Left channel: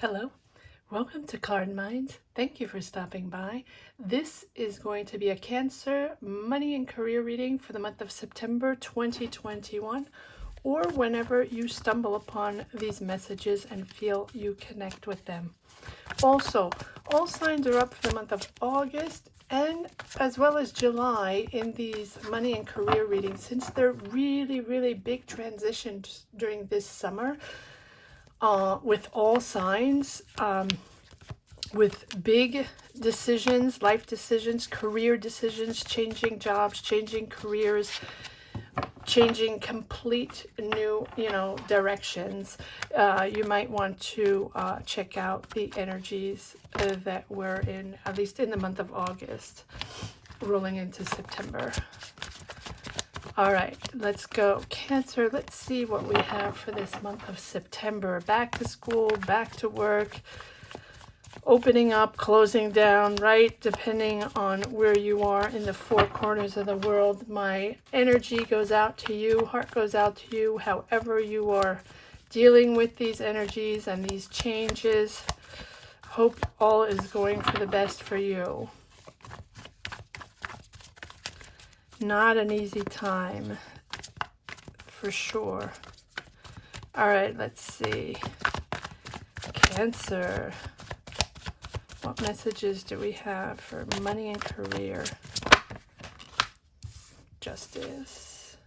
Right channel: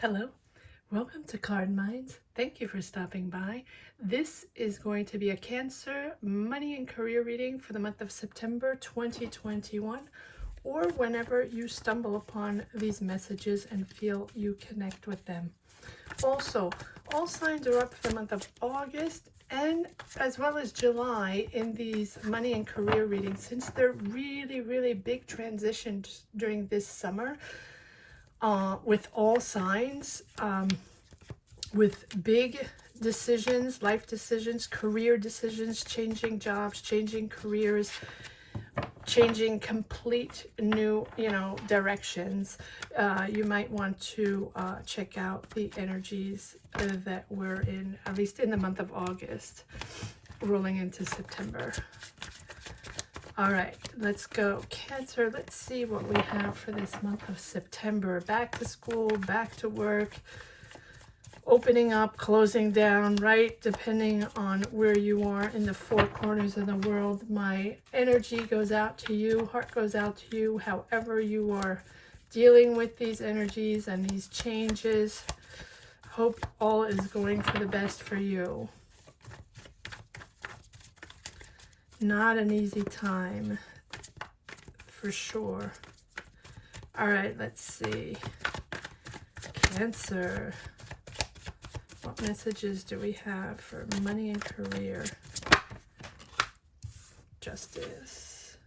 Hello, welcome to Card Minds. Thank you for stopping by. This is going to be a Cancer money and career reading for the month of September 2021, or whenever you stumble upon these messages and feel you connect with them. Also, all signs are up for the month of August and as well as July in these money and career readings, since they're really big transitions during this summer. With all signs, with big decisions, life decisions, career decisions, changing jobs, changing careers, changing complete new, directions. You might want to check out the energies that we're in, at least in the month of August, rolling into September. All right, let's go. Cancer, let's see what we have for this month of September. Back to school, back to work, opening up, closing down, right? Depending on where you are in the four corners of the world. My energy goes out to you, heart goes out to you, however you are dealing with these energies and these changes. Hope all is going for the best for you. Not an easy time, for sure. All right, let's see. Cancer. What messages do we have for money and career? Justice.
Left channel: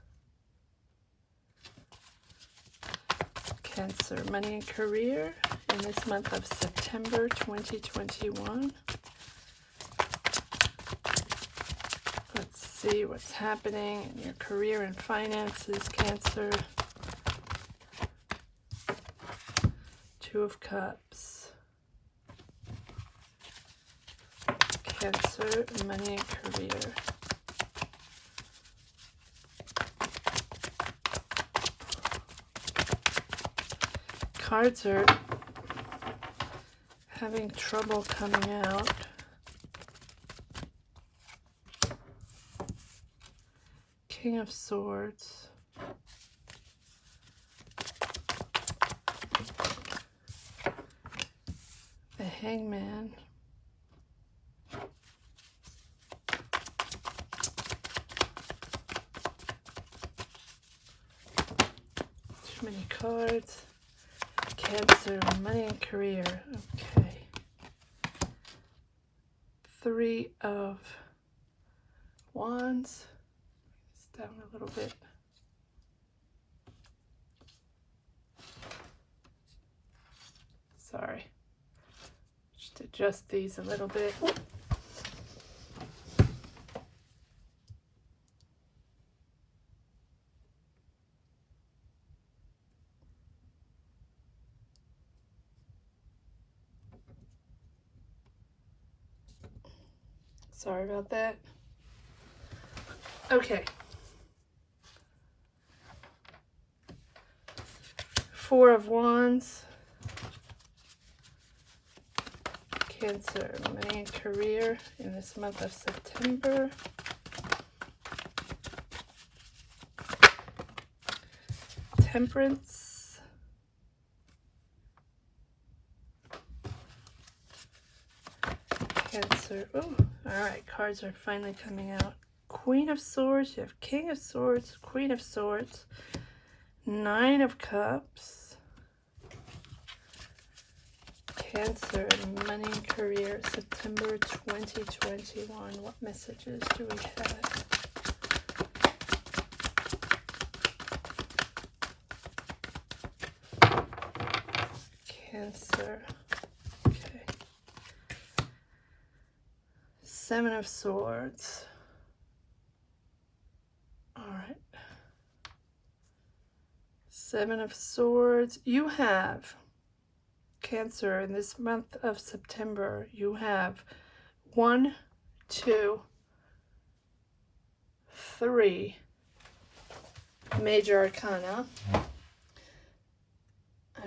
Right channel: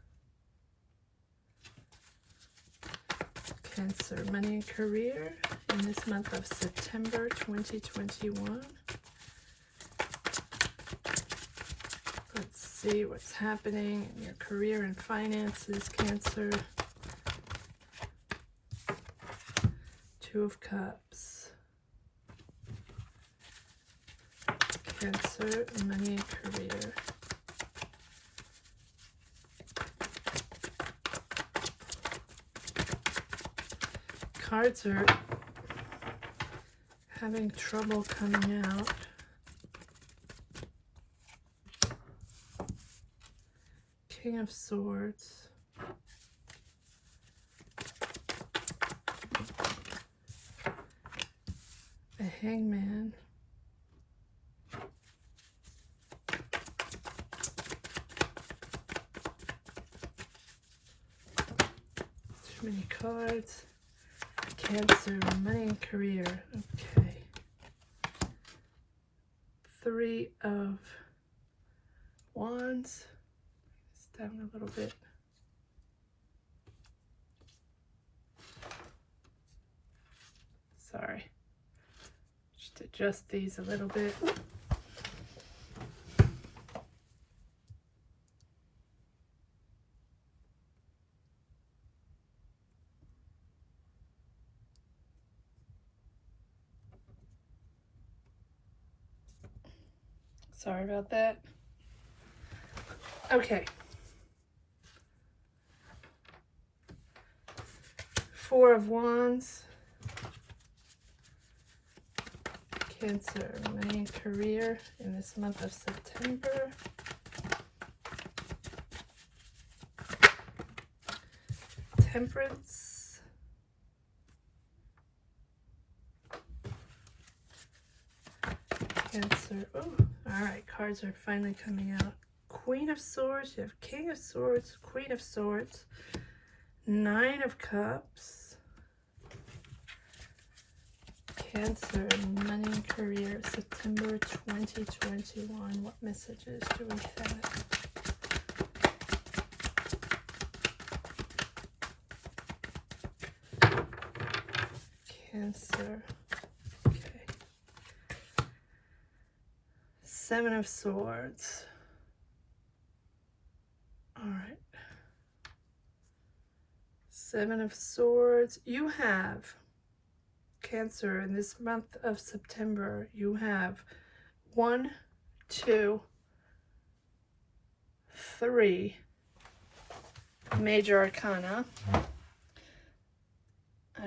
Cancer, money and career in this month of September 2021. Let's see what's happening in your career and finances, Cancer. Two of Cups. Cancer, money and career. Cards are having trouble coming out. King of Swords. The Hangman. Too many cards. Cancer, money and career. Okay. Three of Wands. Down a little bit. Sorry. Just adjust these a little bit. Sorry about that. Okay. Four of Wands. Cancer, money and career in this month of September. Temperance. Cancer. Oh, all right. Cards are finally coming out. Queen of Swords. You have King of Swords, Queen of Swords, Nine of Cups. Cancer, money and career, September 2021. What messages do we have? Cancer. Okay. Seven of Swords. All right. Seven of Swords. You have, Cancer, in this month of September, you have 1, 2, 3 major arcana. I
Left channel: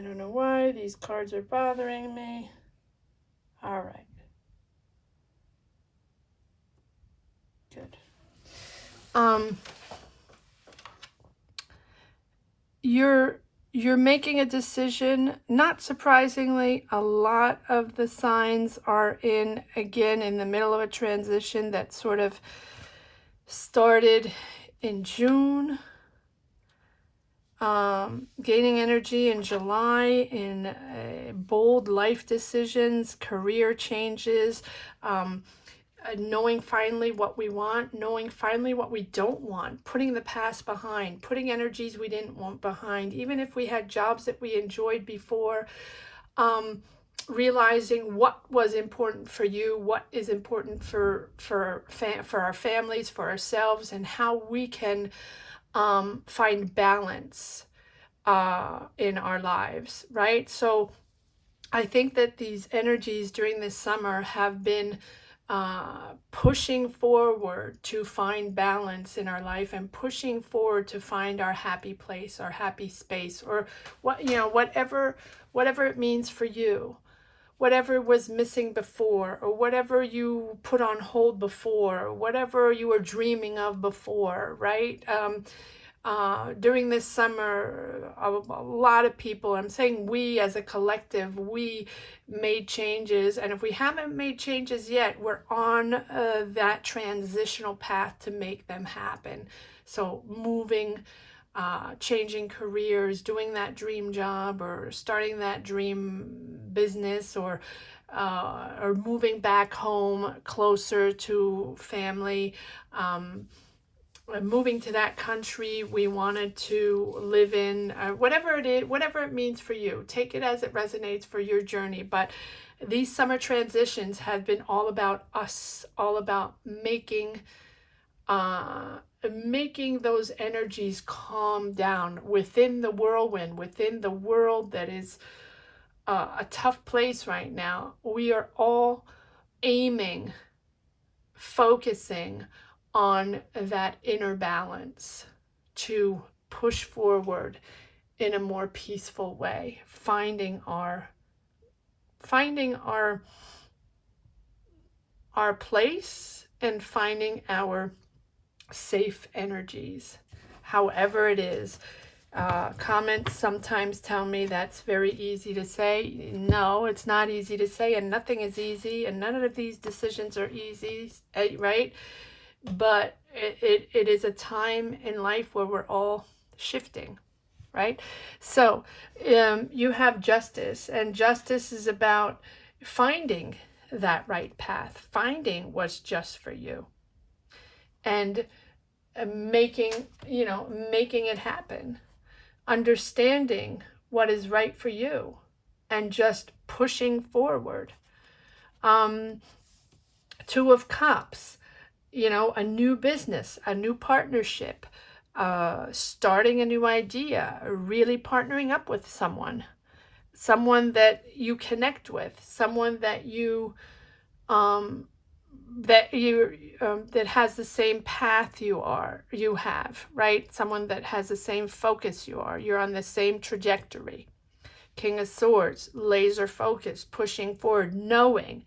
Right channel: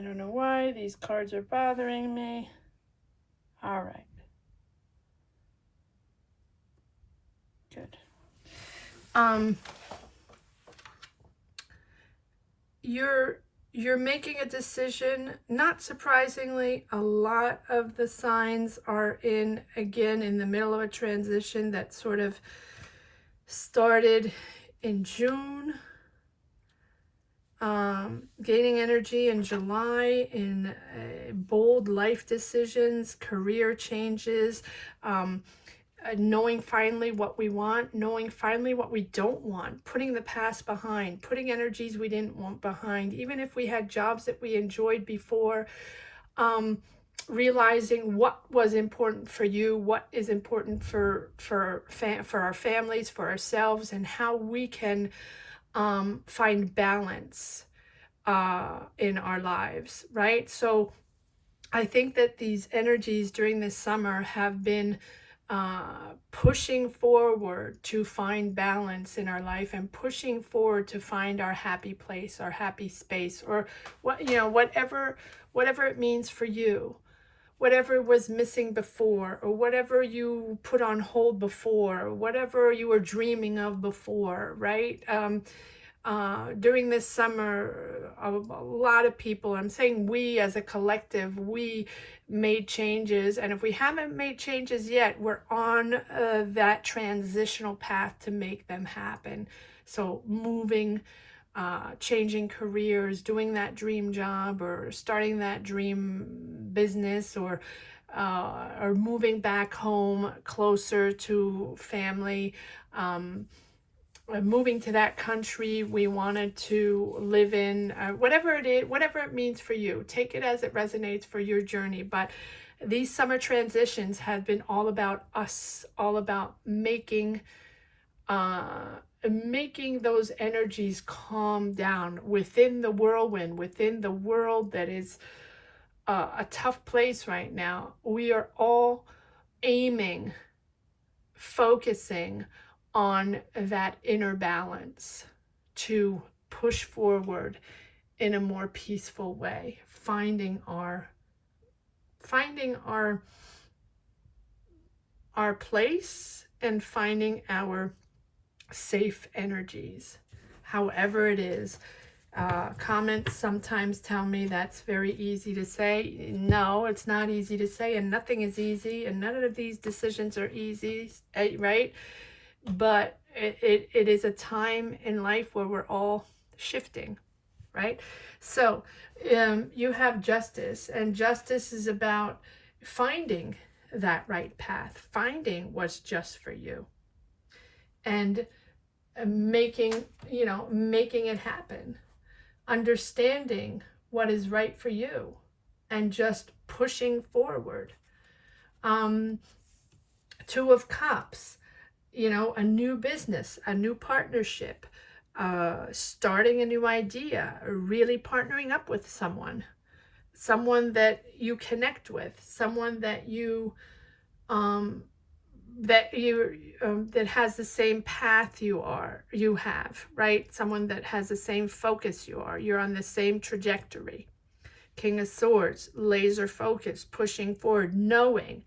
don't know why these cards are bothering me. All right. Good. you're making a decision. Not surprisingly, a lot of the signs are again, in the middle of a transition that sort of started in June, gaining energy in July, in bold life decisions, career changes, knowing finally what we want, knowing finally what we don't want, putting the past behind, putting energies we didn't want behind, even if we had jobs that we enjoyed before, realizing what was important for you, what is important for our families, for ourselves, and how we can find balance in our lives, right? So I think that these energies during this summer have been pushing forward to find balance in our life, and pushing forward to find our happy place, our happy space, or whatever it means for you, whatever was missing before, or whatever you put on hold before, or whatever you were dreaming of before, right? During this summer, a lot of people, I'm saying we as a collective, we made changes. And if we haven't made changes yet, we're on that transitional path to make them happen. So moving, changing careers, doing that dream job, or starting that dream business, or moving back home closer to family, moving to that country we wanted to live in, whatever it is, whatever it means for you. Take it as it resonates for your journey. But these summer transitions have been all about us, all about making those energies calm down within the whirlwind, within the world that is a tough place right now. We are all aiming, focusing on that inner balance to push forward in a more peaceful way, finding our place, and finding our safe energies, however it is. Comments sometimes tell me that's very easy to say. No, it's not easy to say, and nothing is easy, and none of these decisions are easy, right? But it is a time in life where we're all shifting, right? So you have justice, and justice is about finding that right path, finding what's just for you, and making it happen, understanding what is right for you, and just pushing forward. Two of Cups, a new business, a new partnership, starting a new idea, really partnering up with someone that you connect with, someone that that has the same path you have, right? Someone that has the same focus you're on the same trajectory. King of Swords, laser focus, pushing forward, knowing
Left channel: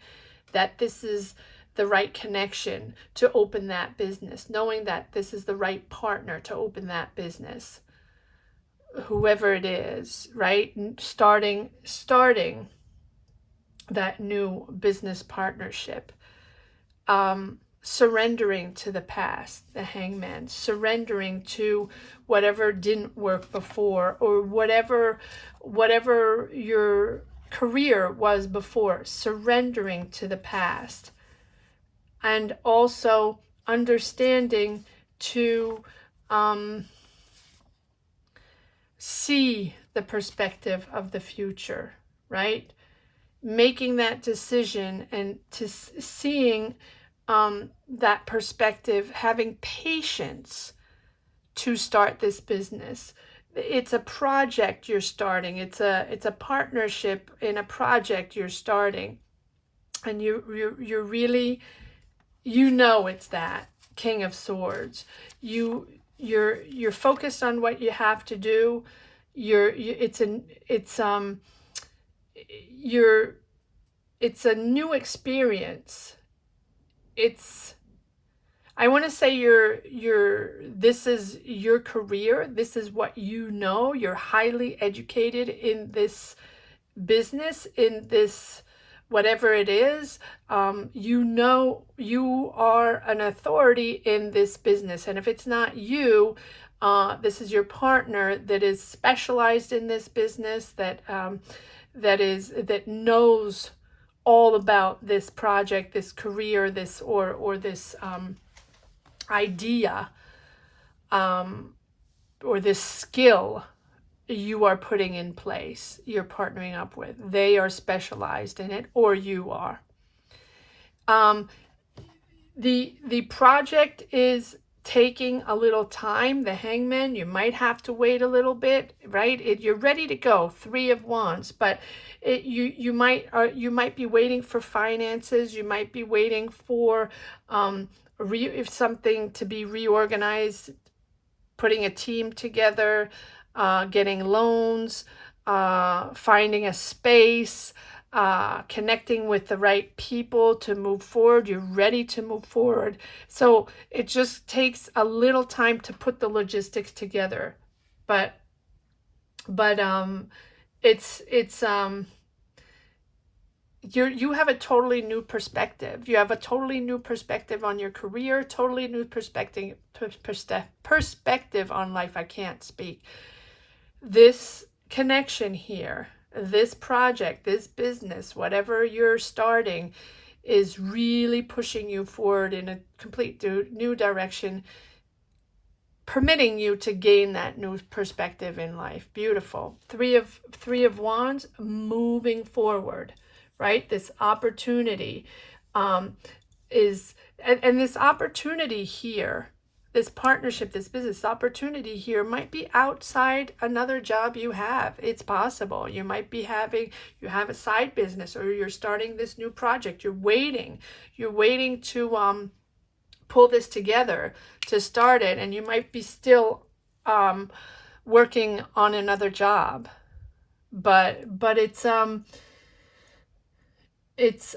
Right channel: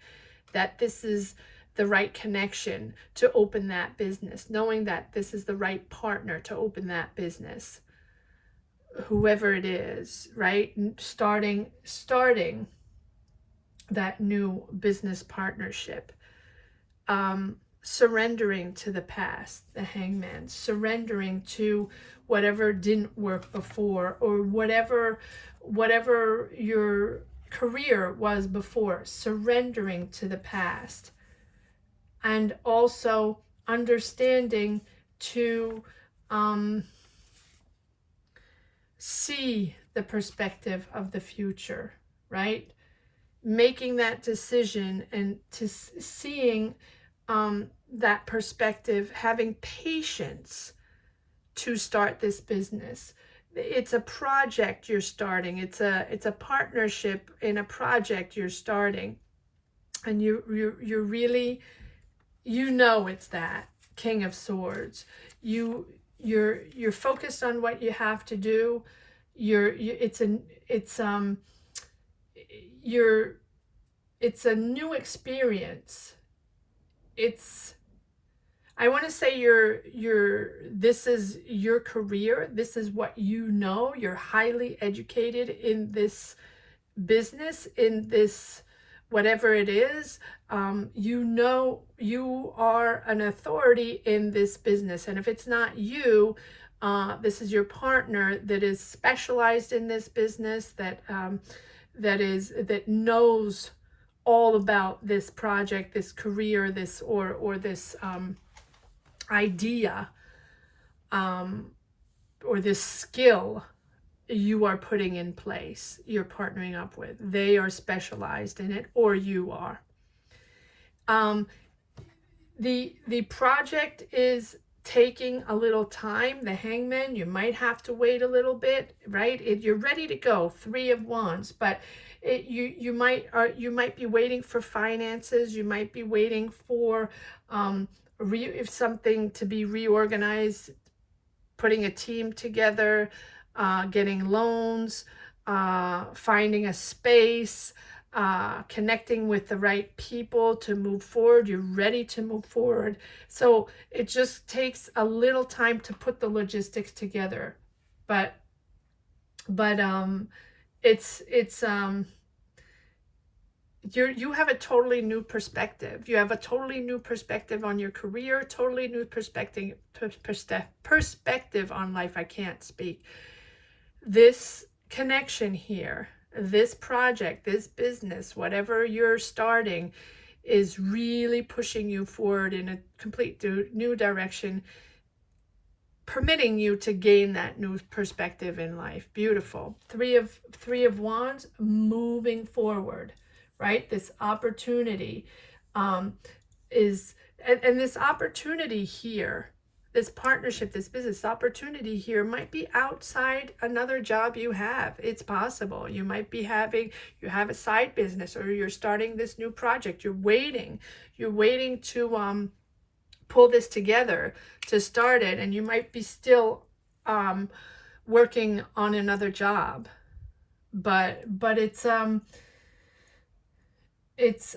that this is the right connection to open that business, knowing that this is the right partner to open that business, whoever it is, right? Starting that new business partnership. Surrendering to the past, the Hangman, surrendering to whatever didn't work before, or whatever your career was before, surrendering to the past. And also understanding to see the perspective of the future, right? Making that decision, and to seeing that perspective, having patience to start this business. It's a project you're starting. It's a partnership in a project you're starting, and you're really, it's that King of Swords. You're focused on what you have to do. It's a new experience. I want to say this is your career. This is what you know. You're highly educated in this business, in this whatever it is. You know you are an authority in this business. And if it's not you, this is your partner that is specialized in this business, that knows all about this project, this career, this or this idea, or this skill you are putting in place, you're partnering up with. They are specialized in it, or you are. The project is taking a little time. The Hangman, you might have to wait a little bit, right? You're ready to go, 3 of Wands, but you might be waiting for finances. You might be waiting for something to be reorganized, putting a team together, getting loans, finding a space, connecting with the right people to move forward. You're ready to move forward. So it just takes a little time to put the logistics together. But you have a totally new perspective. You have a totally new perspective on your career, totally new perspective on life. I can't speak. This connection here, this project, this business, whatever you're starting, is really pushing you forward in a complete new direction, permitting you to gain that new perspective in life. Beautiful. Three of Wands, moving forward, right? This opportunity is, and this opportunity here, this partnership, this business opportunity here might be outside another job you have. It's possible. You might be you have a side business, or you're starting this new project. You're waiting to pull this together to start it, and you might be still working on another job. But it's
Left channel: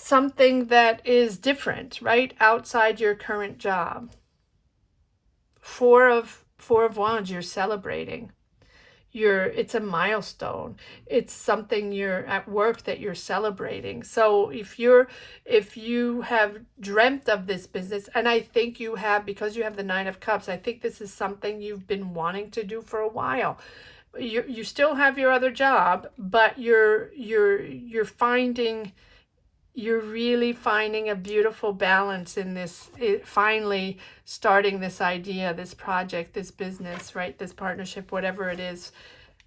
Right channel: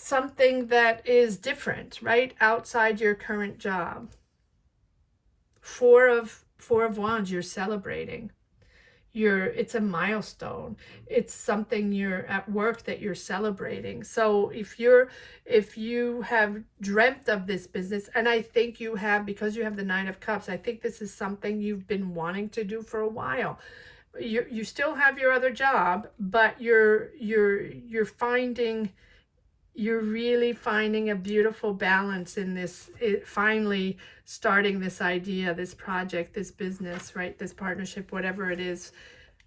something that is different, right? Outside your current job. Four of Wands, you're celebrating. It's a milestone. It's something you're at work that you're celebrating. So if you have dreamt of this business, and I think you have, because you have the 9 of Cups, I think this is something you've been wanting to do for a while. You still have your other job, but you're really finding a beautiful balance in this, finally starting this idea, this project, this business, right? This partnership, whatever it is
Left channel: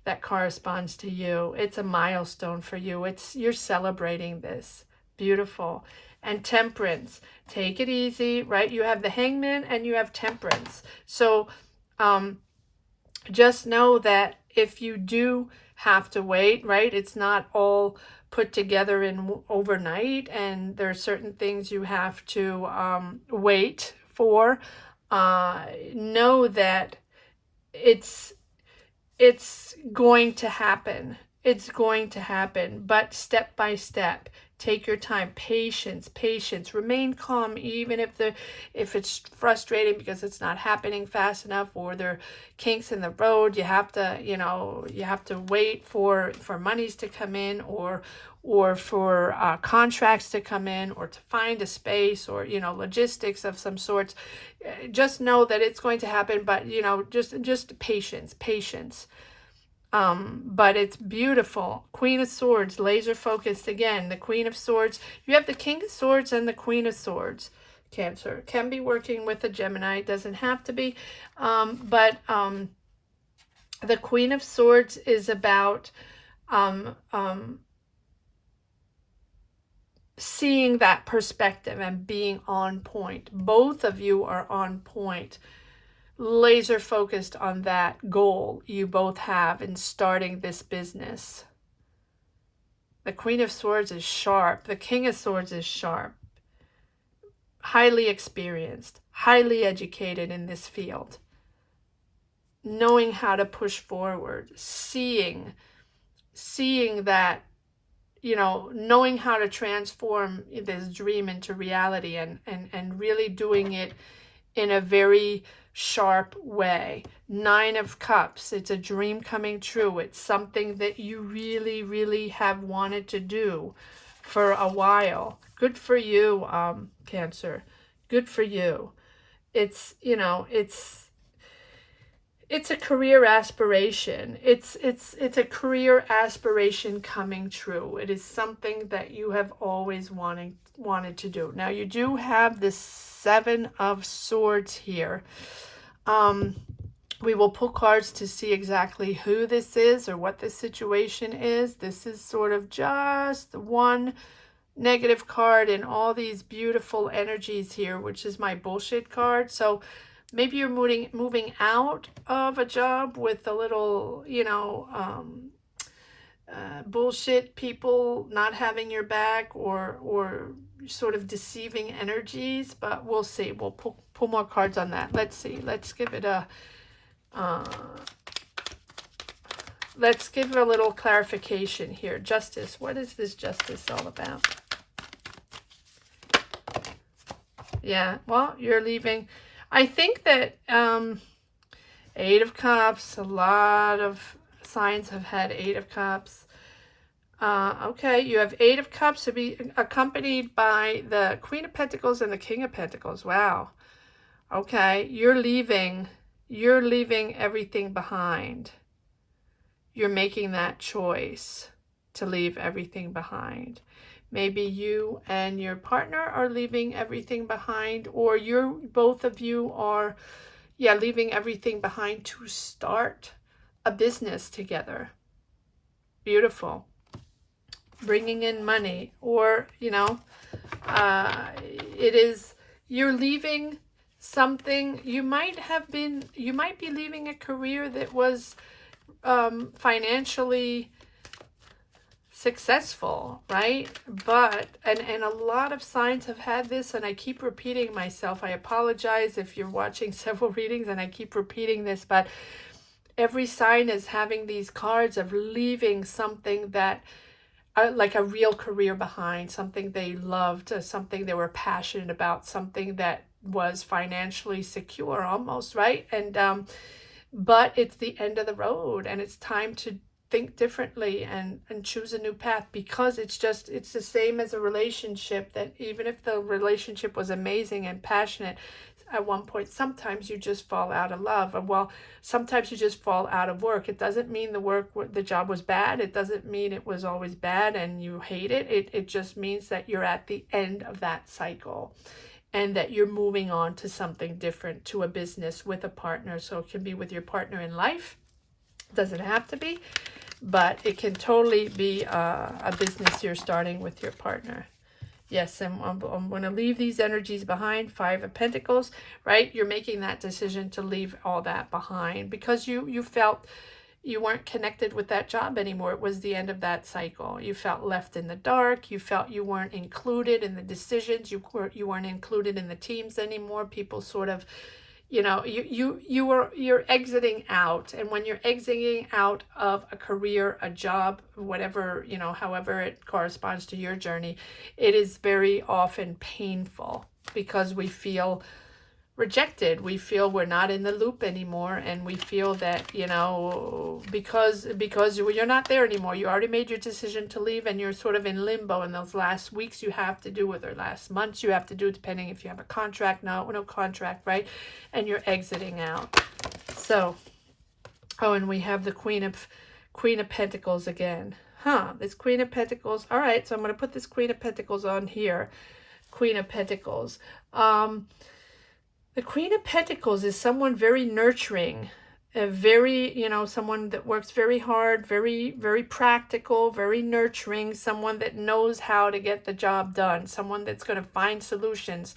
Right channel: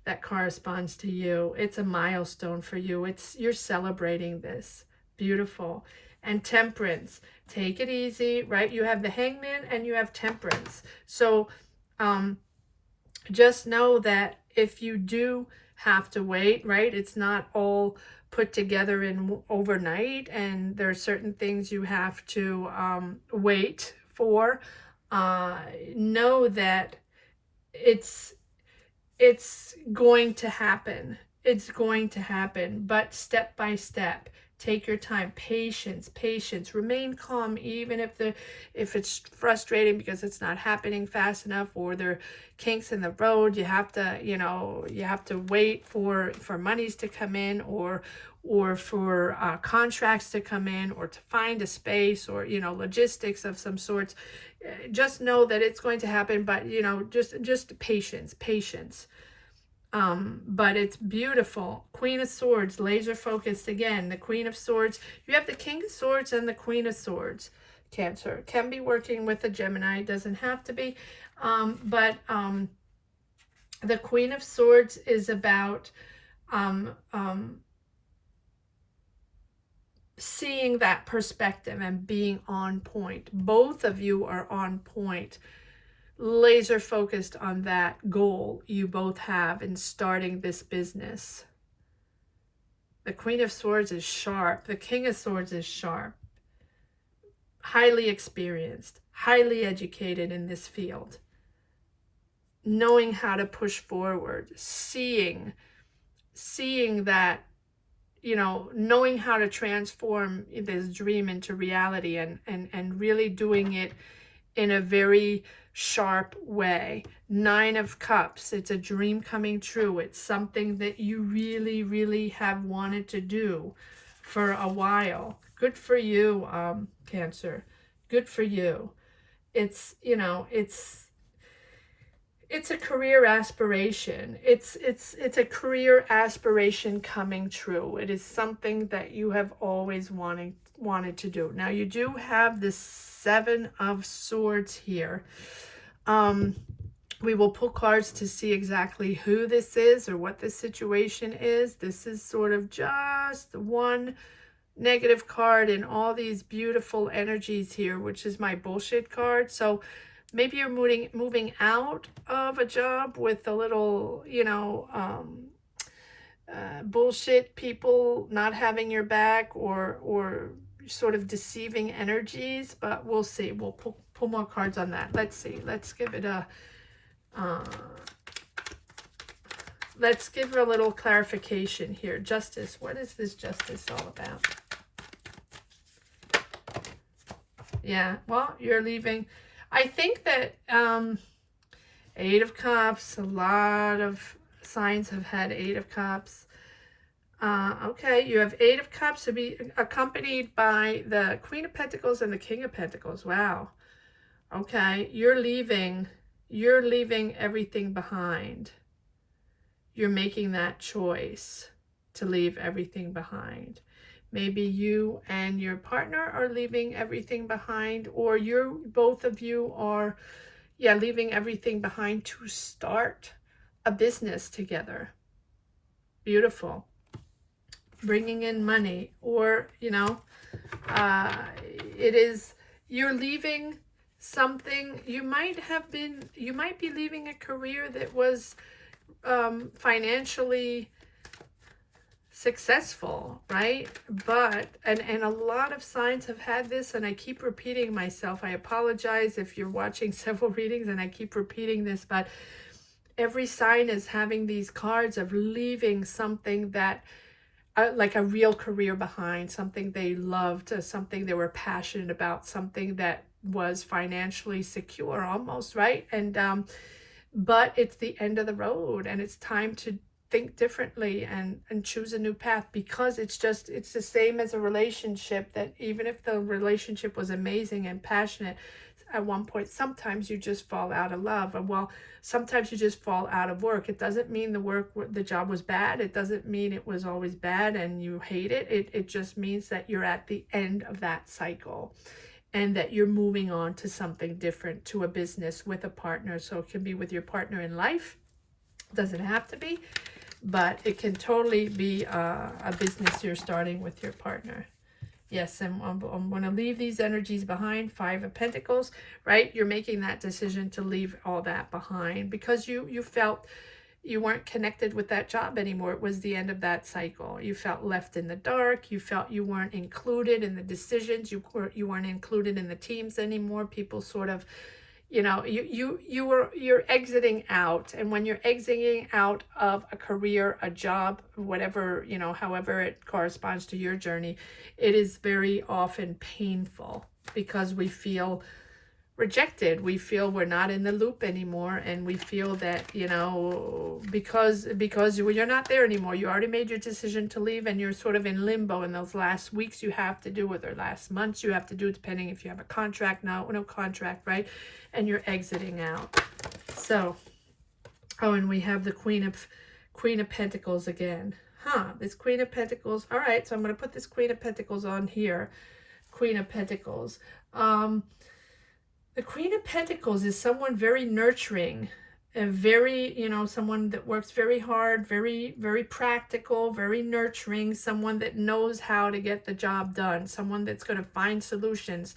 that corresponds to you. It's a milestone for you. You're celebrating this. Beautiful. And Temperance, take it easy, right? You have the Hangman and you have Temperance. So just know that if you do have to wait, right? It's not all put together in overnight, and there are certain things you have to wait for. Know that it's going to happen. It's going to happen, but step by step. Take your time. Patience. Remain calm, even if it's frustrating because it's not happening fast enough, or there are kinks in the road. You have to wait for monies to come in, or for contracts to come in, or to find a space, or logistics of some sorts. Just know that it's going to happen, but just patience. But it's beautiful. Queen of Swords, laser focused again. The Queen of Swords. You have the King of Swords and the Queen of Swords. Cancer can be working with a Gemini. Doesn't have to be. But the Queen of Swords is about seeing that perspective and being on point. Both of you are on point. Laser focused on that goal you both have in starting this business. The Queen of Swords is sharp. The King of Swords is sharp. Highly experienced, highly educated in this field. Knowing how to push forward, seeing that you know, knowing how to transform this dream into reality, and really doing it in a very sharp way. 9 of Cups, it's a dream coming true. It's something that you really, really have wanted to do for a while. Good for you, Cancer. Good for you. It's, you know, it's a career aspiration. It's a career aspiration coming true. It is something that you have always wanted to do. Now you do have the 7 of Swords here. We will pull cards to see exactly who this is or what the situation is. This is sort of just one negative card in all these beautiful energies here, which is my bullshit card. So maybe you're moving out of a job with a little, you know, bullshit people not having your back, or sort of deceiving energies. But we'll see. We'll pull more cards on that. Let's see. Let's give it a let's give it a little clarification here. Justice. What is this justice all about? Yeah, well, you're leaving. I think that 8 of Cups, a lot of signs have had 8 of Cups. Okay, you have 8 of Cups to be accompanied by the Queen of Pentacles and the King of Pentacles. Wow. Okay, you're leaving everything behind. You're making that choice to leave everything behind. Maybe you and your partner are leaving everything behind, or both of you are, yeah, leaving everything behind to start a business together. Beautiful. Bringing in money, or, you know, you're leaving something. You might be leaving a career that was financially successful, right? But and a lot of signs have had this, and I keep repeating myself. I apologize if you're watching several readings and I keep repeating this, but every sign is having these cards of leaving something that like a real career behind, something they loved, something they were passionate about, something that was financially secure almost, right? And but it's the end of the road, and it's time to think differently and choose a new path, because it's the same as a relationship, that even if the relationship was amazing and passionate at one point, sometimes you just fall out of love. Well, sometimes you just fall out of work. It doesn't mean the job was bad. It doesn't mean it was always bad and you hate it. It just means that you're at the end of that cycle, and that you're moving on to something different, to a business with a partner. So it can be with your partner in life. It doesn't have to be, but it can totally be a business you're starting with your partner. Yes, and I'm going to leave these energies behind. 5 of Pentacles, right? You're making that decision to leave all that behind because you felt you weren't connected with that job anymore. It was the end of that cycle. You felt left in the dark. You felt you weren't included in the decisions. You weren't included in the teams anymore. People sort of, you know, you're exiting out. And when you're exiting out of a career, a job, whatever, you know, however it corresponds to your journey, it is very often painful because we feel rejected. We feel we're not in the loop anymore, and we feel that, you know, because you're not there anymore. You already made your decision to leave, and you're sort of in limbo. In those last weeks you have to do, or the last months you have to do, depending if you have a contract, no contract, right? And you're exiting out. So, oh, and we have the Queen of Pentacles again. This Queen of Pentacles. All right, so I'm going to put this Queen of Pentacles on here. Queen of Pentacles. The Queen of Pentacles is someone very nurturing, very, you know, someone that works very hard, very, very practical, very nurturing, someone that knows how to get the job done, someone that's going to find solutions,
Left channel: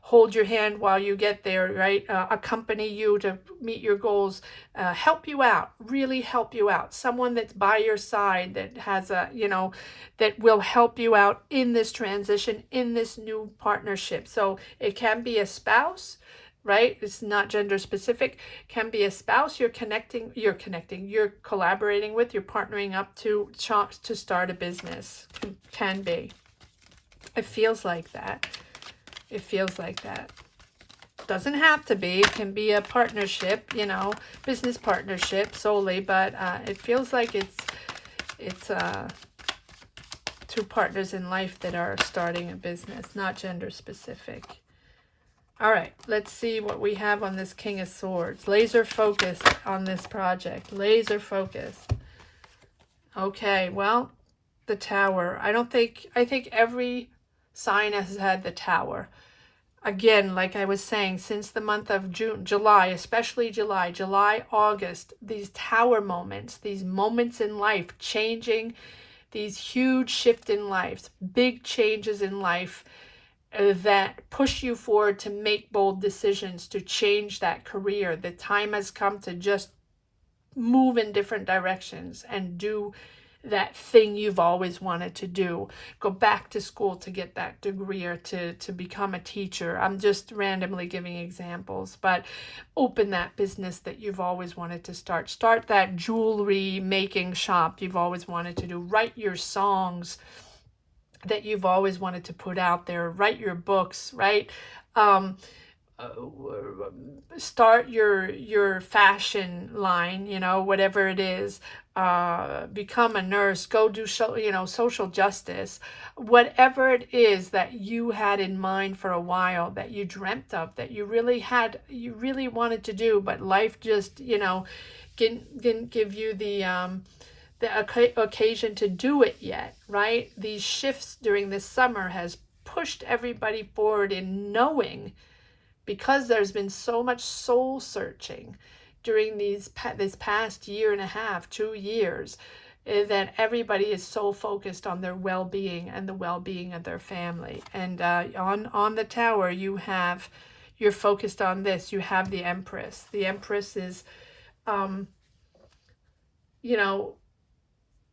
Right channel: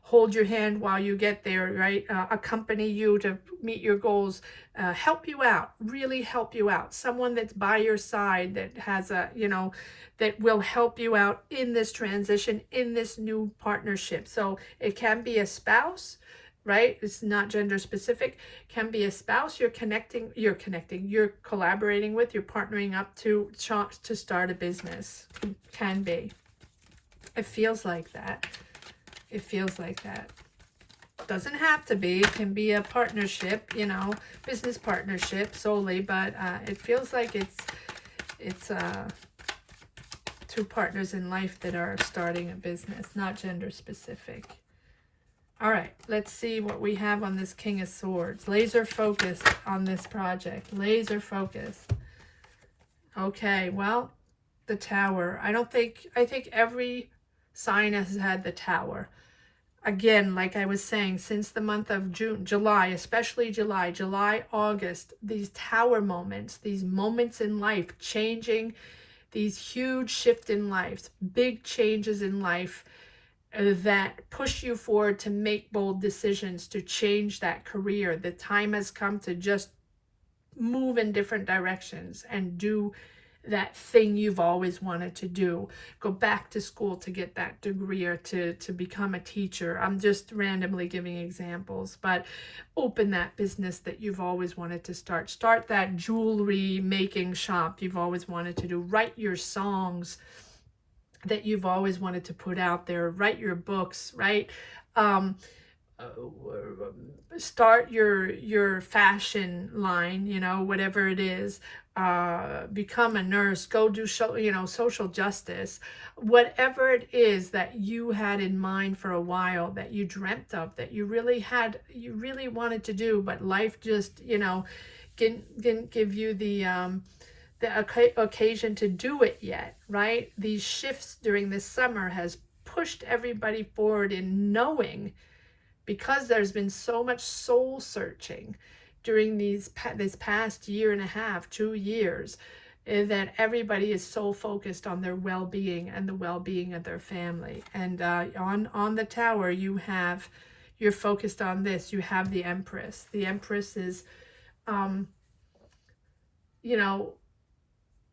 hold your hand while you get there, right? Accompany you to meet your goals, help you out, really help you out. Someone that's by your side, that has a, you know, that will help you out in this transition, in this new partnership. So it can be a spouse. right? It's not gender specific. Can be a spouse you're collaborating with, you're partnering up to start a business. Can be. It feels like that. It feels like that. Doesn't have to be. It can be a partnership, you know, business partnership solely, but it feels like it's two partners in life that are starting a business, not gender specific. All right, let's see what we have on this King of Swords. Laser focused on this project. Laser focused. Okay, well, the Tower. I think every sign has had the Tower. Again, like I was saying, since the month of June, July, especially July, August, these Tower moments, these moments in life, changing, these huge shift in life, big changes in life, that push you forward to make bold decisions, to change that career. The time has come to just move in different directions and do that thing you've always wanted to do. Go back to school to get that degree, or to become a teacher. I'm just randomly giving examples, but open that business that you've always wanted to start. Start that jewelry making shop you've always wanted to do. Write your songs that you've always wanted to put out there. Write your books, right? Start your fashion line, you know, whatever it is. Become a nurse. Go do social justice. Whatever it is that you had in mind for a while, that you dreamt of, that you really wanted to do, but life just, you know, didn't give you the occasion to do it yet, right? These shifts during this summer has pushed everybody forward in knowing, because there's been so much soul searching during this past year and a half, 2 years, that everybody is so focused on their well-being and the well-being of their family. And on the Tower, you're focused on this. You have the Empress. The Empress is, you know,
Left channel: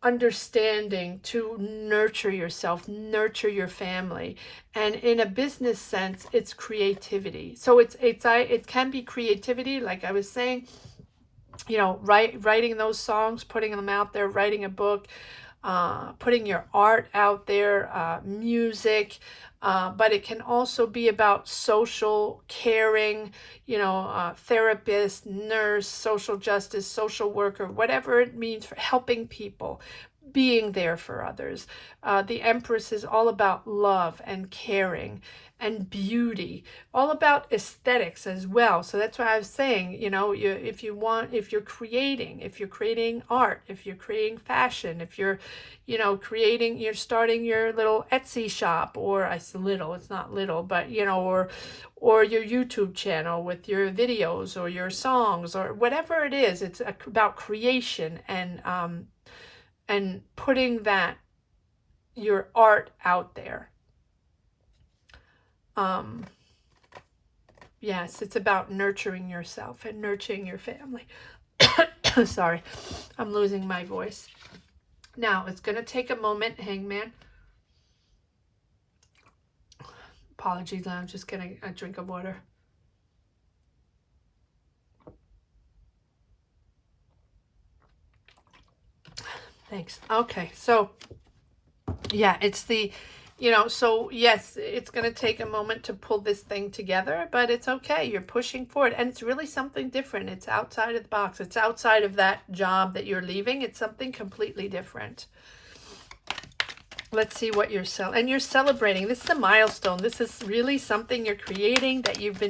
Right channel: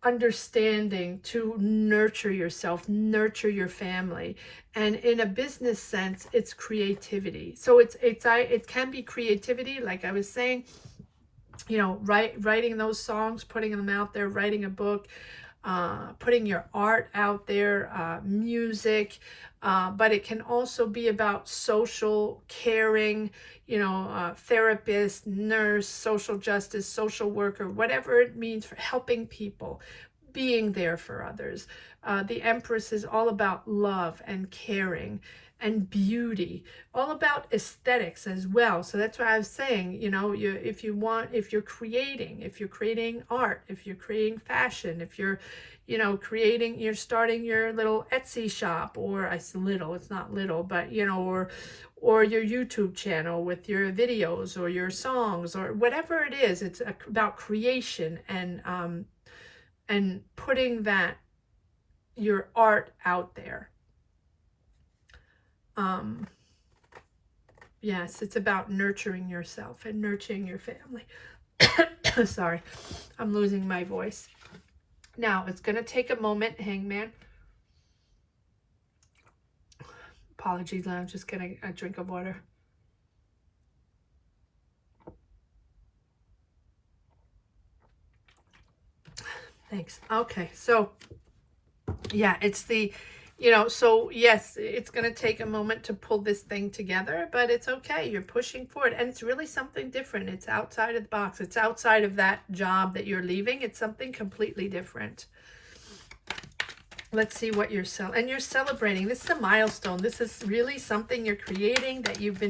understanding to nurture yourself, nurture your family. And in a business sense, it's creativity. So it can be creativity, like I was saying, you know, writing those songs, putting them out there, writing a book, putting your art out there, music, but it can also be about social caring, you know, therapist, nurse, social justice, social worker, whatever it means, for helping people, being there for others. The Empress is all about love and caring and beauty, all about aesthetics as well. So that's what I was saying, you know, if you're creating art, if you're creating fashion, if you're, you know, you're starting your little Etsy shop, or it's not little, but, you know, or your YouTube channel with your videos or your songs or whatever it is. It's about creation and putting your art out there. Yes, it's about nurturing yourself and nurturing your family. Sorry, I'm losing my voice. Now, it's going to take a moment, Hangman. Apologies, I'm just getting a drink of water. Thanks. Okay, so, yeah, it's the... You know, so yes, it's going to take a moment to pull this thing together, but it's okay. You're pushing forward, and it's really something different. It's outside of the box. It's outside of that job that you're leaving. It's something completely different. Let's see what you're celebrating. This is a milestone. This is really something you're creating that you've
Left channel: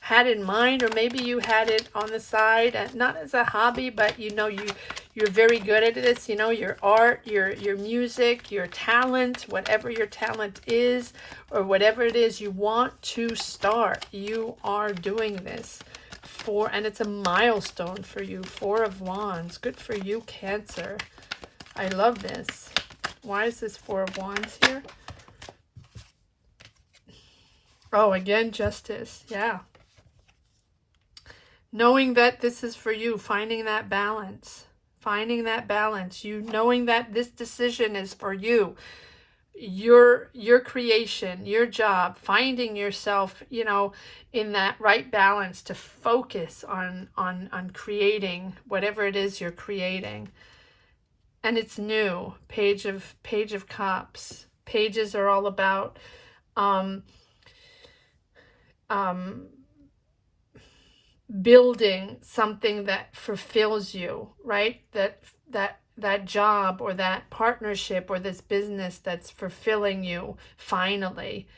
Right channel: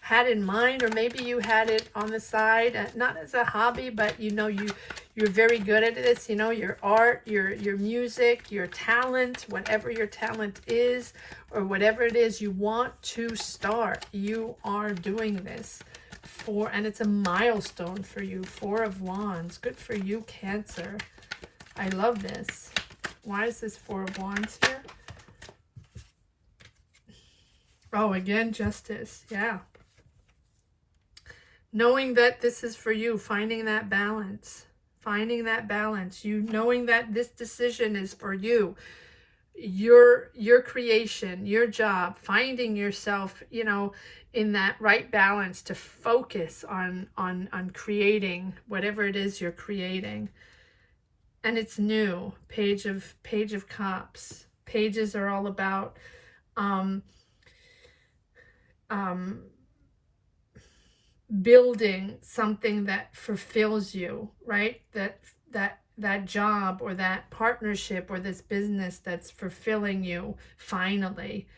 had in mind, or maybe you had it on the side, not as a hobby, but you know, you're very good at this, you know, your art, your music, your talent, whatever your talent is, or whatever it is you want to start. You are doing this and it's a milestone for you. 4 of Wands. Good for you, Cancer. I love this. Why is this 4 of Wands here? Oh, again, Justice. Yeah. Knowing that this is for you, finding that balance. Finding that balance. You knowing that this decision is for you. your creation, your job, finding yourself, you know, in that right balance to focus on creating whatever it is you're creating. And it's new. Page of Cups. Pages are all about building something that fulfills you, right? That job or that partnership or this business that's fulfilling you finally,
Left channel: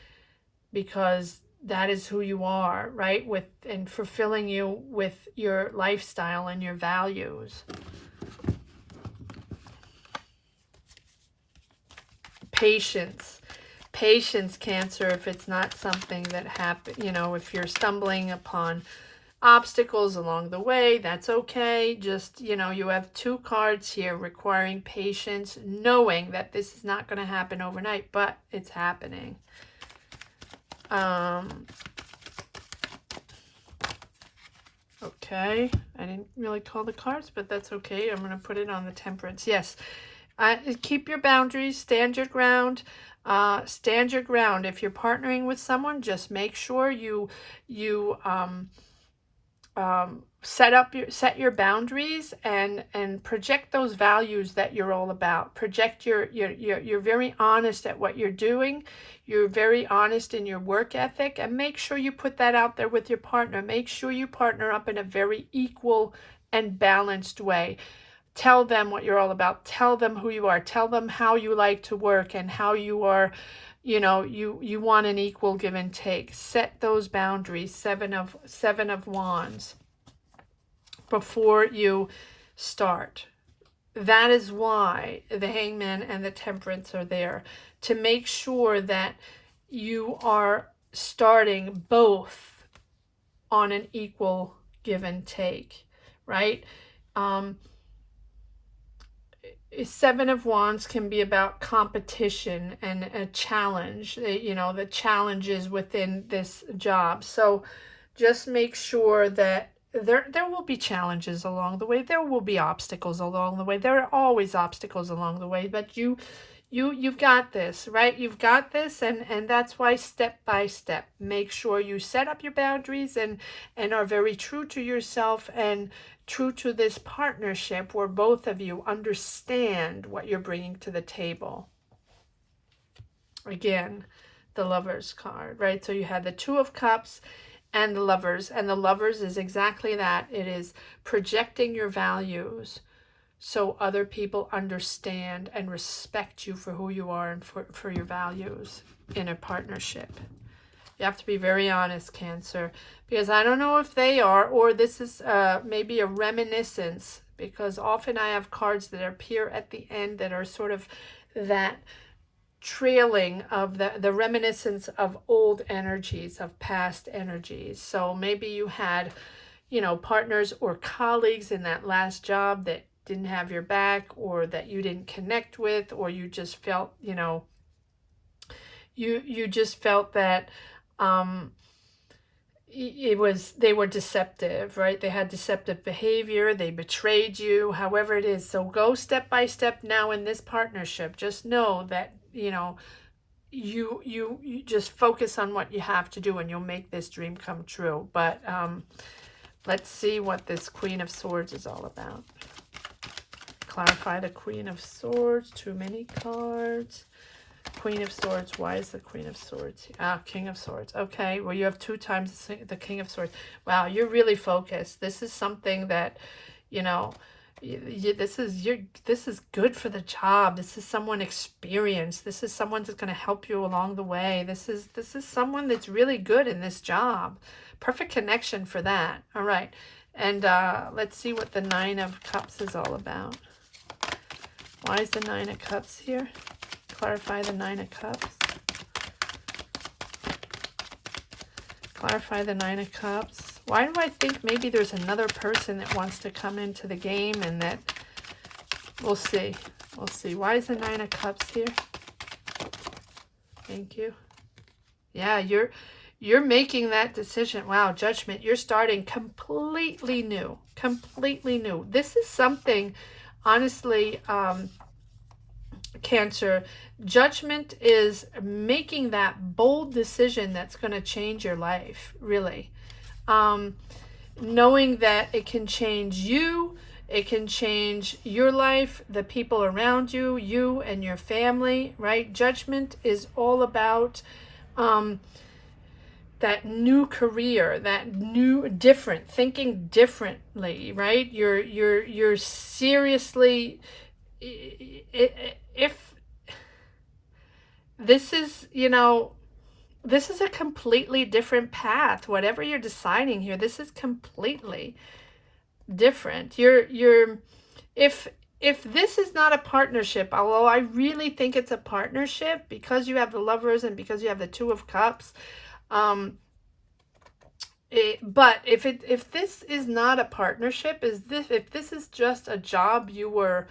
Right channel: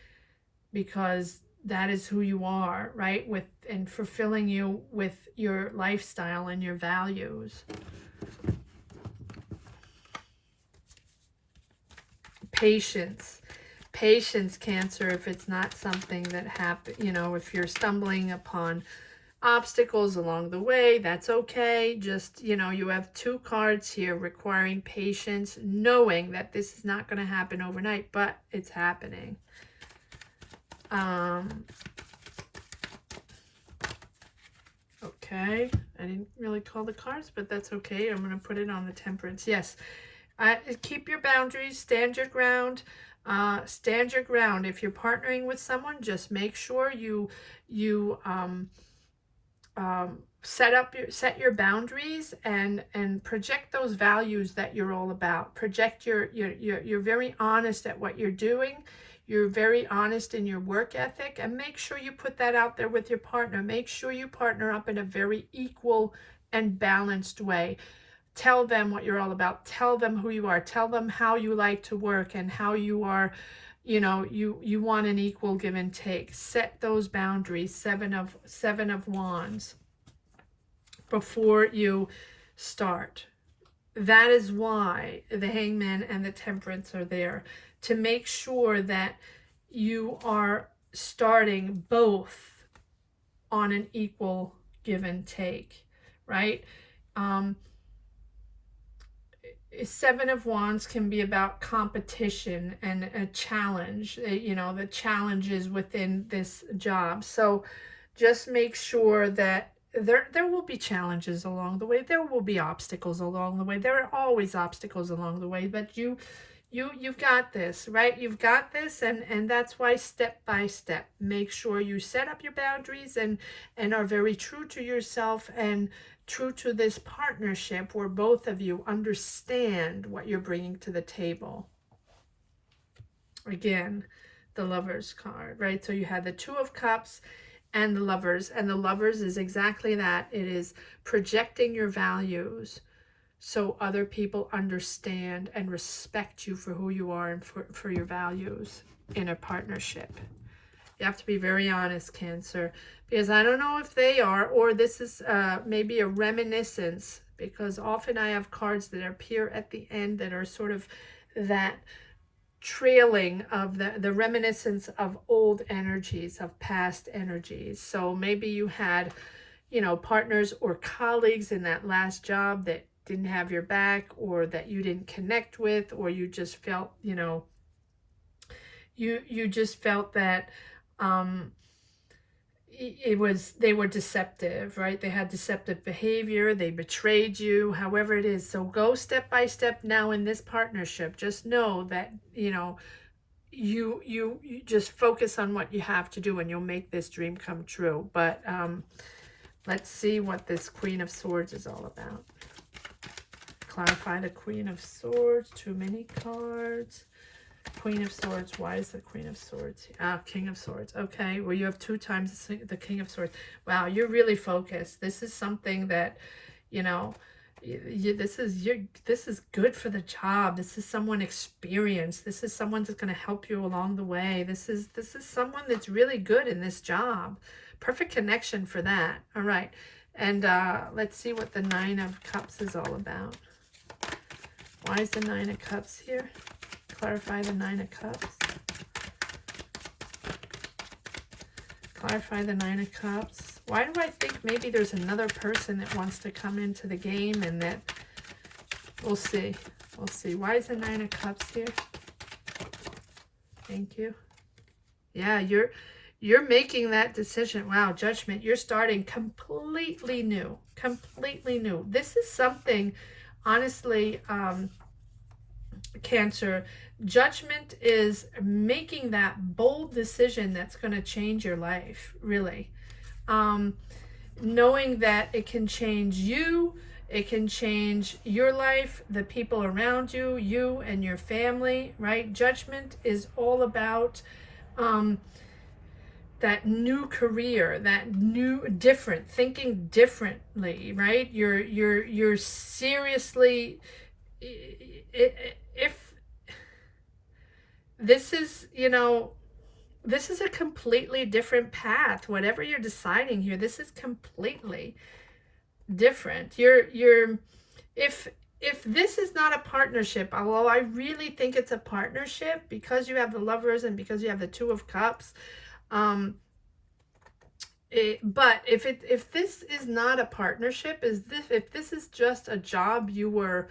because that is who you are, right? With and fulfilling you with your lifestyle and your values. Patience. Patience, Cancer, if it's not something that happen, you know, if you're stumbling upon obstacles along the way, that's okay. Just, you know, you have 2 cards here requiring patience, knowing that this is not going to happen overnight, but it's happening. Okay, I didn't really call the cards, but that's okay. I'm going to put it on the Temperance. Yes, keep your boundaries, stand your ground. Stand your ground. If you're partnering with someone, just make sure you set your boundaries and project those values that you're all about. Project you're very honest at what you're doing. You're very honest in your work ethic, and make sure you put that out there with your partner. Make sure you partner up in a very equal and balanced way. Tell them what you're all about. Tell them who you are. Tell them how you like to work and how you are, you know, you want an equal give and take. Set those boundaries. Seven of Wands before you start. That is why the Hangman and the Temperance are there, to make sure that you are starting both on an equal give and take, right? 7 of Wands can be about competition and a challenge, you know, the challenges within this job. So just make sure that there will be challenges along the way. There will be obstacles along the way. There are always obstacles along the way, but you've got this, right? You've got this, and that's why step by step, make sure you set up your boundaries and are very true to yourself and true to this partnership where both of you understand what you're bringing to the table. Again, the Lovers card, right? So you had the 2 of Cups and the Lovers, and the Lovers is exactly that. It is projecting your values so other people understand and respect you for who you are and for your values in a partnership. You have to be very honest, Cancer, because I don't know if they are, or this is maybe a reminiscence, because often I have cards that appear at the end that are sort of that trailing of the reminiscence of old energies, of past energies. So maybe you had, you know, partners or colleagues in that last job that didn't have your back, or that you didn't connect with, or you just felt, you know, you just felt that they were deceptive, right? They had deceptive behavior, they betrayed you, however it is. So go step by step now in this partnership. Just know that, you know, you just focus on what you have to do, and you'll make this dream come true. But let's see what this Queen of Swords is all about. Clarify the Queen of Swords. Too many cards. Queen of Swords. Why is the Queen of Swords? King of Swords. Okay, well, you have 2 times the King of Swords. Wow, you're really focused. This is something that, you know, this is good for the job. This is someone experienced. This is someone that's going to help you along the way. This is someone that's really good in this job. Perfect connection for that. All right, and let's see what the 9 of Cups is all about. Why is the 9 of Cups here? Clarify the 9 of Cups. Clarify the 9 of Cups. Why do I think maybe there's another person that wants to come into the game, and that we'll see. We'll see. Why is the 9 of Cups here? Thank you. Yeah, you're making that decision. Wow, Judgment. You're starting completely new. Completely new. This is something, honestly, Cancer, judgment is making that bold decision that's going to change your life, really. Knowing that it can change you, it can change your life, the people around you, you and your family, right? Judgment is all about that new career, that new, different, thinking differently, right? You're seriously, if this is, you know, this is a completely different path. Whatever you're deciding here, this is completely different. If this is not a partnership, although I really think it's a partnership because you have the Lovers and because you have the Two of Cups, but if this is not a partnership, if this is just a job you were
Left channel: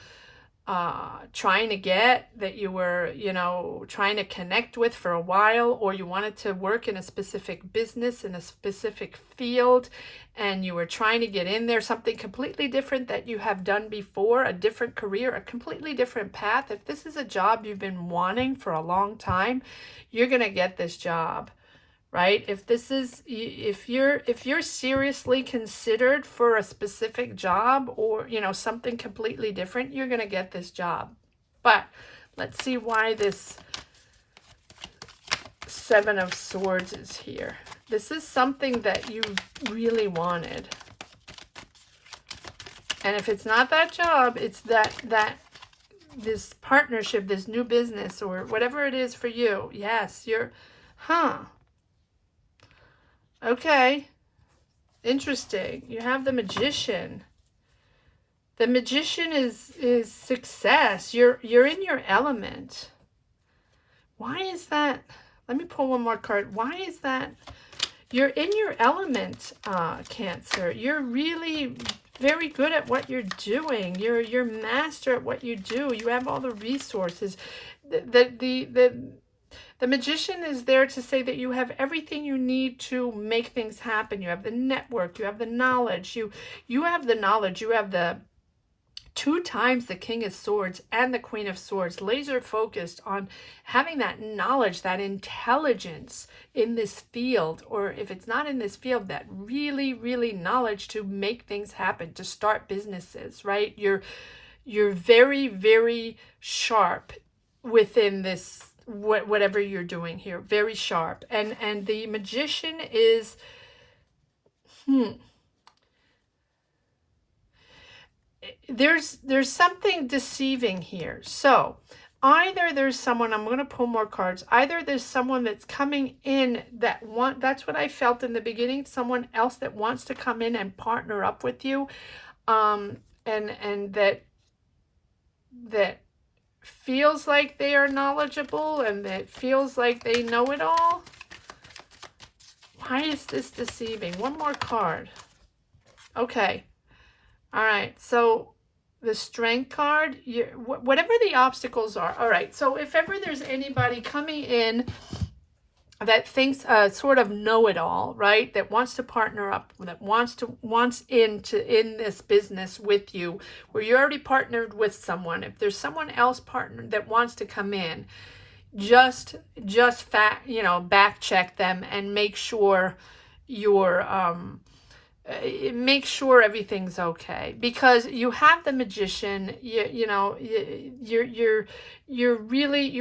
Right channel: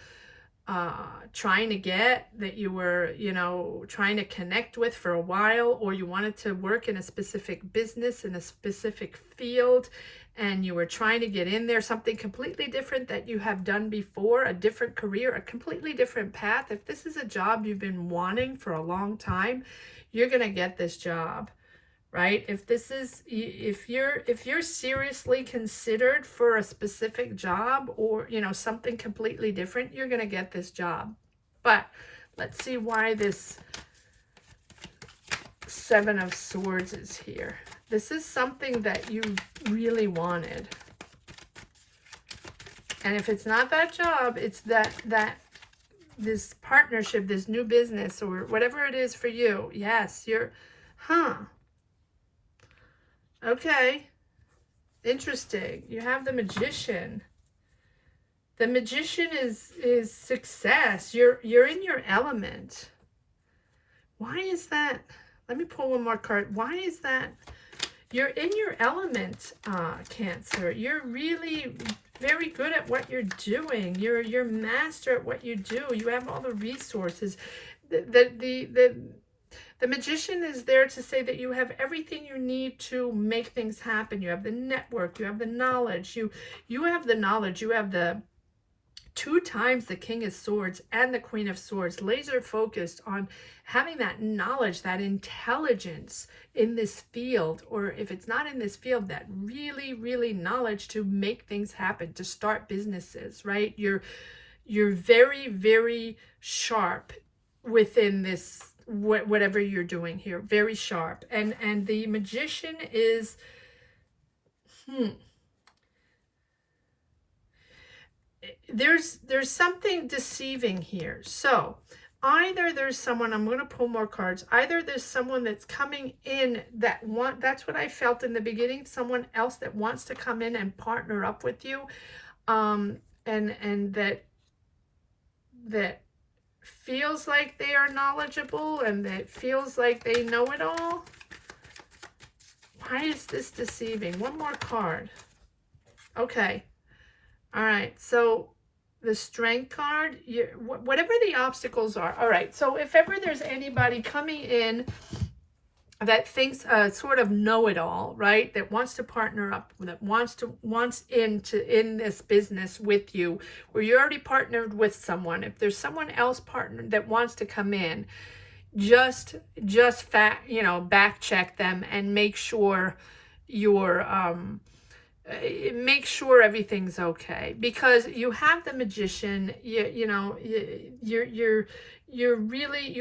trying to get, that you were, you know, trying to connect with for a while, or you wanted to work in a specific business in a specific field and you were trying to get in there, something completely different that you have done before, a different career, a completely different path, if this is a job you've been wanting for a long time, you're going to get this job. Right? If this is, if you're seriously considered for a specific job, or, you know, something completely different, you're going to get this job. But let's see why this Seven of Swords is here. This is something that you really wanted. And if it's not that job, it's that this partnership, this new business, or whatever it is for you. Yes, you're, okay, interesting. You have the Magician. The Magician is success. You're in your element. Why is that? Let me pull one more card. Why is that? You're in your element, Cancer. You're really very good at what you're doing. You're master at what you do. You have all the resources. The Magician is there to say that you have everything you need to make things happen. You have the network, you have the knowledge, you have the knowledge, you have the 2 times the King of Swords and the Queen of Swords, laser focused on having that knowledge, that intelligence in this field, or if it's not in this field, that really knowledge to make things happen, to start businesses, right? You're very sharp within this, whatever you're doing here, very sharp. And the Magician is there's something deceiving here. So either there's someone, I'm going to pull more cards, either there's someone that's coming in that that's what I felt in the beginning, someone else that wants to come in and partner up with you, and that feels like they are knowledgeable and that feels like they know it all. Why is this deceiving? One more card. Okay. All right. So the Strength card, whatever the obstacles are. All right. So if ever there's anybody coming in that thinks sort of know-it-all, right? That wants to partner up, that wants in this business with you, where you're already partnered with someone. If there's someone else partnered that wants to come in, just back check them and make sure make sure everything's okay, because you have the Magician. You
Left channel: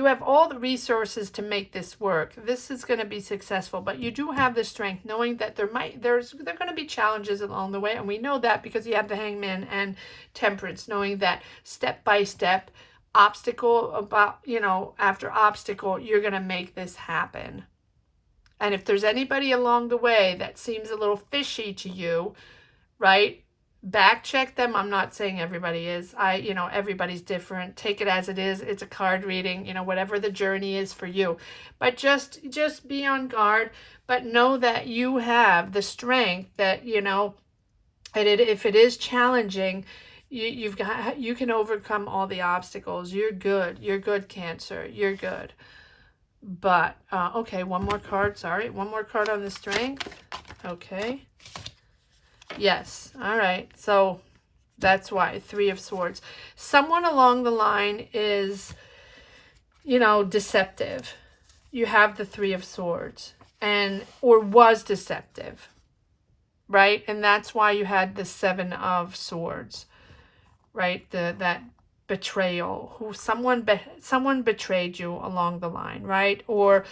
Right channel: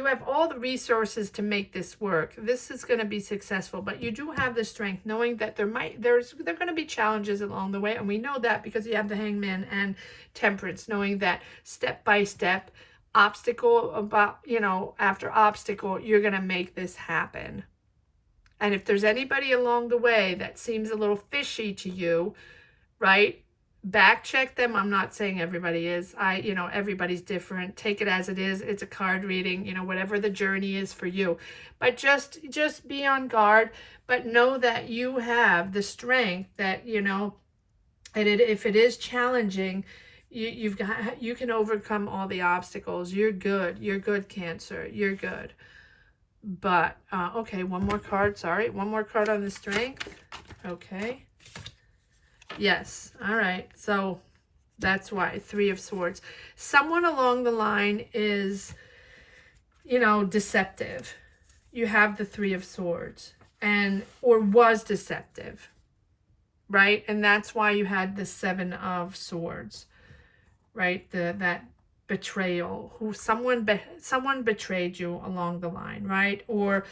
have all the resources to make this work. This is going to be successful, but you do have the Strength, knowing that there are going to be challenges along the way, and we know that because you have the Hangman and Temperance, knowing that step by step, obstacle after obstacle, you're going to make this happen. And if there's anybody along the way that seems a little fishy to you, right, back check them. I'm not saying everybody is. Everybody's different. Take it as it is. It's a card reading, whatever the journey is for you. But just be on guard, but know that you have the strength that, and if it is challenging, you can overcome all the obstacles. You're good. You're good, Cancer. You're good. But, okay, one more card. Sorry. One more card on the Strength. Okay. Yes. All right. So that's why. 3 of Swords. Someone along the line is you know, deceptive. You have the Three of Swords, and or was deceptive, right? And that's why you had the Seven of Swords, right? That betrayal, who someone betrayed you along the line, right? Or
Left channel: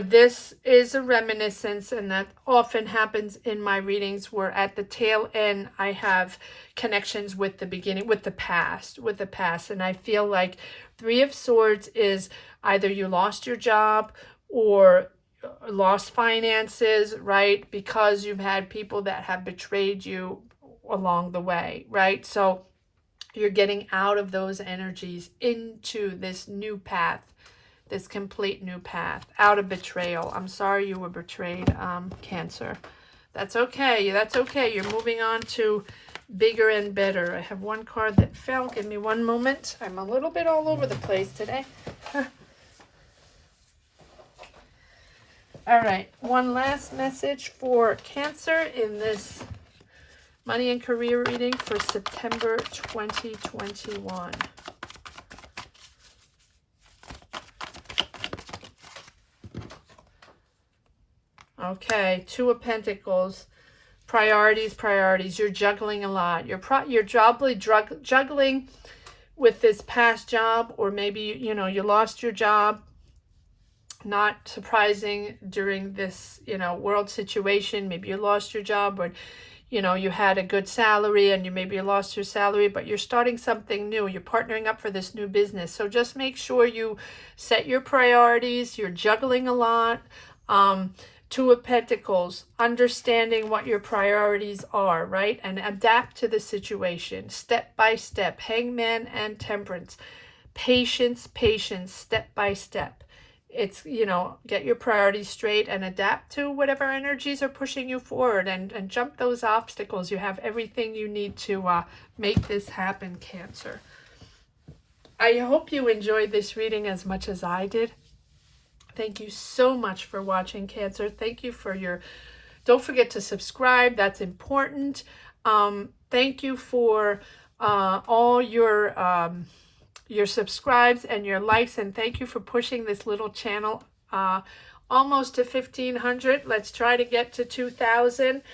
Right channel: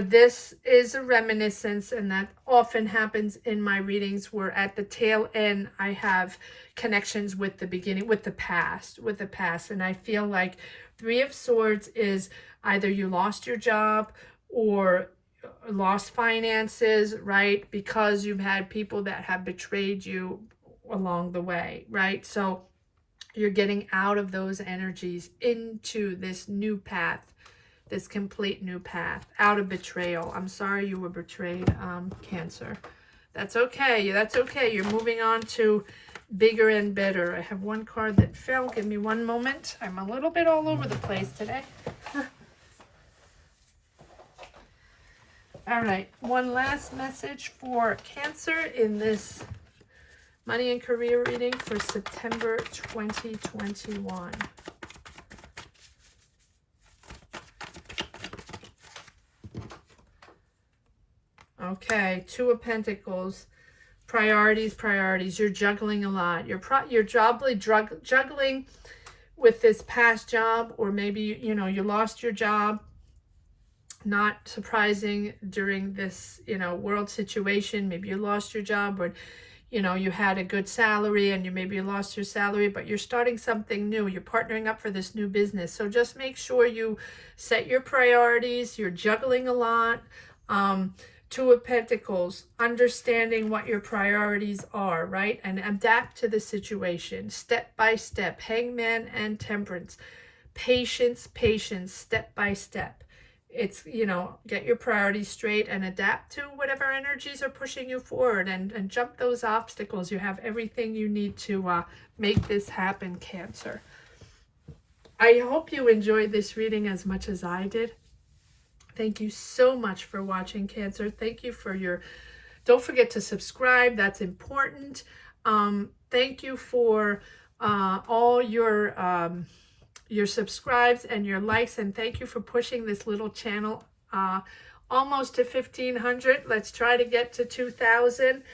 this is a reminiscence, and that often happens in my readings, where at the tail end I have connections with the beginning, with the past, and I feel like Three of Swords is either you lost your job or lost finances, right? Because you've had people that have betrayed you along the way, right? So you're getting out of those energies into this new path, this complete new path, out of betrayal. I'm sorry you were betrayed, Cancer. That's okay. That's okay. You're moving on to bigger and better. I have one card that fell. Give me one moment. I'm a little bit all over the place today. All right. One last message for Cancer in this money and career reading for September 2021. Okay, Two of Pentacles. Priorities. You're juggling a lot. You're probably juggling with this past job, or maybe, you know, you lost your job. Not surprising during this, you know, world situation. Maybe you lost your job, or, you know, you had a good salary and maybe you lost your salary, but you're starting something new. You're partnering up for this new business. So just make sure you set your priorities. You're juggling a lot. Two of Pentacles, understanding what your priorities are, right? And adapt to the situation step by step. Hangman and Temperance. Patience, step by step. It's, you know, get your priorities straight and adapt to whatever energies are pushing you forward, and jump those obstacles. You have everything you need to make this happen, Cancer. I hope you enjoyed this reading as much as I did. Thank you so much for watching, Cancer. Thank you for your... Don't forget to subscribe. That's important. Thank you for all your subscribes and your likes, and thank you for pushing this little channel almost to 1,500. Let's try to get to 2,000.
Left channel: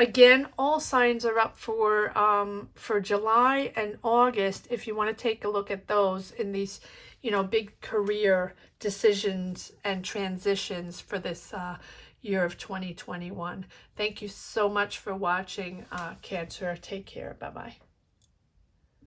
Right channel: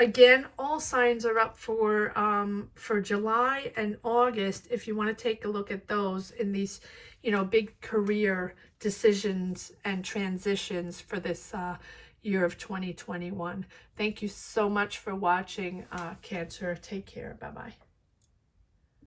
Again, all signs are up for July and August if you want to take a look at those in these, you know, big career decisions and transitions for this year of 2021. Thank you so much for watching, Cancer. Take care. Bye-bye.